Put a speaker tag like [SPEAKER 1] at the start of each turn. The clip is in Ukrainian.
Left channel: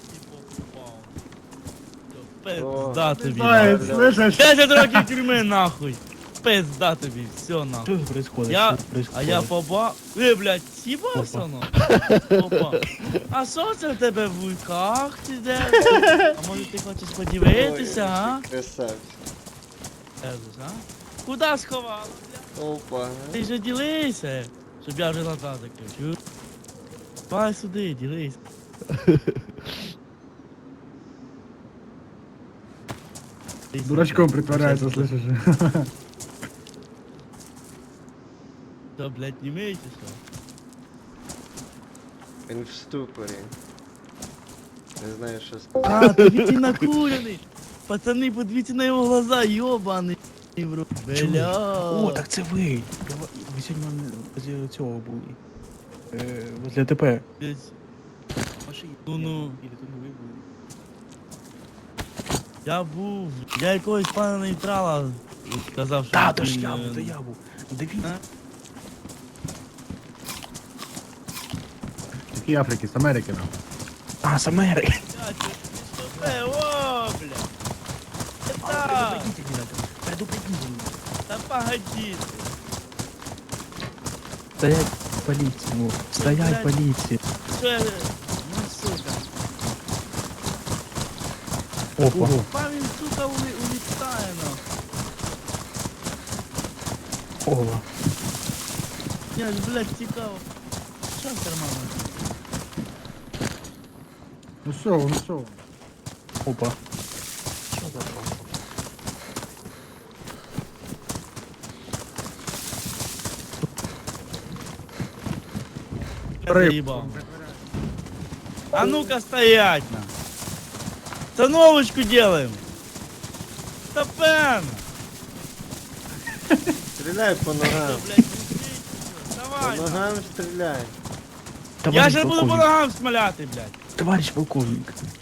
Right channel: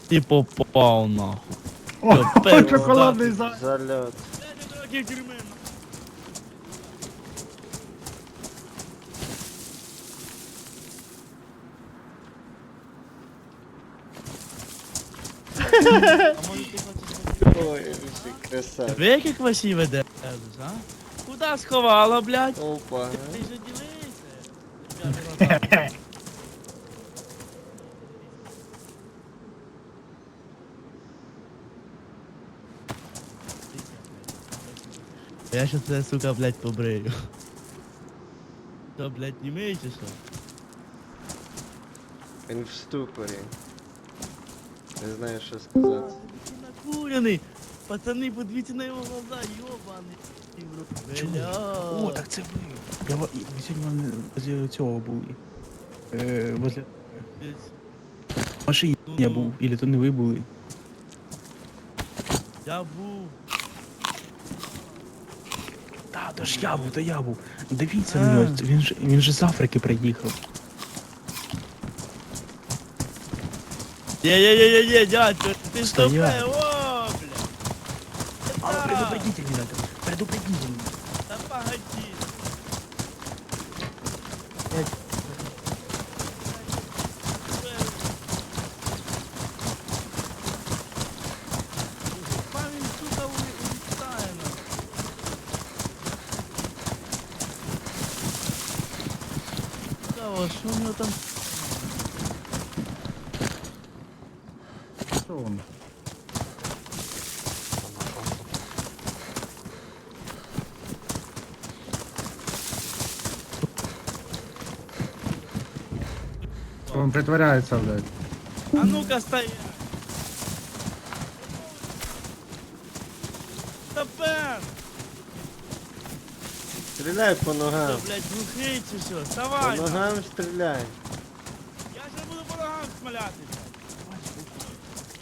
[SPEAKER 1] І попав нахуй.
[SPEAKER 2] О,
[SPEAKER 1] пизда
[SPEAKER 2] шоколадний
[SPEAKER 1] тобі,
[SPEAKER 2] заяць,
[SPEAKER 3] Алло.
[SPEAKER 2] слышиш?
[SPEAKER 1] 10 років тюрми нахуй. Пизда тобі, все нахуй.
[SPEAKER 4] Что происходит?
[SPEAKER 1] Я,
[SPEAKER 4] Что происходит?
[SPEAKER 1] а я побав... Ви, блядь, сібався нахуй? Опа. А що це в тебе в руках ти де? А може ти хочеш подивитися, а?
[SPEAKER 3] Красавчик.
[SPEAKER 1] Ви які красиві держиш, а? Куда сховала, блядь?
[SPEAKER 3] Опа.
[SPEAKER 1] Ти ж ділися, щоб я вже на тебе. Давай сюди, ділись.
[SPEAKER 2] Дурачком притворяється, слышиш?
[SPEAKER 1] Я ще це, сука, блядь, побрию. Що, блядь, не миєш чи що?
[SPEAKER 3] Він в ступорі. Не знаю, що сказати.
[SPEAKER 1] А, подивіться накурений. Пацани, подивіться на його глаза, йобаний. в рот.
[SPEAKER 4] О,
[SPEAKER 1] Бля.
[SPEAKER 4] так це ви. Ви сьогодні возле цього були. Возле АТП. В машині
[SPEAKER 1] Ну,
[SPEAKER 4] я
[SPEAKER 1] ну.
[SPEAKER 4] був. Ілі то не ви були.
[SPEAKER 1] Я був, я якогось пана нейтрала сказав, що...
[SPEAKER 4] Та, то ж я був, то я був. Дивіться на нього, він же з Африки приїхав.
[SPEAKER 2] І Африки, з Америки.
[SPEAKER 1] Є, дядько, ти що
[SPEAKER 4] Стоять.
[SPEAKER 1] пе, о, бля.
[SPEAKER 4] А,
[SPEAKER 1] Та,
[SPEAKER 4] предупредите меня, предупредите меня.
[SPEAKER 1] та погоди.
[SPEAKER 4] Стоять полиция, ну, стоять полиция.
[SPEAKER 1] Що я... Ну, сука.
[SPEAKER 4] Опа.
[SPEAKER 1] Пан він, сука, улітає, ну.
[SPEAKER 4] О,
[SPEAKER 1] Я, блядь, цікаво, що у нього там ще в кармані?
[SPEAKER 2] Ну що воно, що воно?
[SPEAKER 4] опа.
[SPEAKER 1] Я заїбав.
[SPEAKER 2] Він притворяється, блядь.
[SPEAKER 1] А ну-ка стоять! Остановочку делаем! Стопен!
[SPEAKER 3] Стріляй по
[SPEAKER 1] Что,
[SPEAKER 3] ногам.
[SPEAKER 1] блядь, глухий чи що?
[SPEAKER 3] По
[SPEAKER 1] Вставай! нахуй.
[SPEAKER 3] ногам стріляй.
[SPEAKER 1] Я
[SPEAKER 4] Товарищ
[SPEAKER 1] же буду по
[SPEAKER 4] полковник,
[SPEAKER 1] ногам смоляти, блядь!
[SPEAKER 4] товарищ полковник,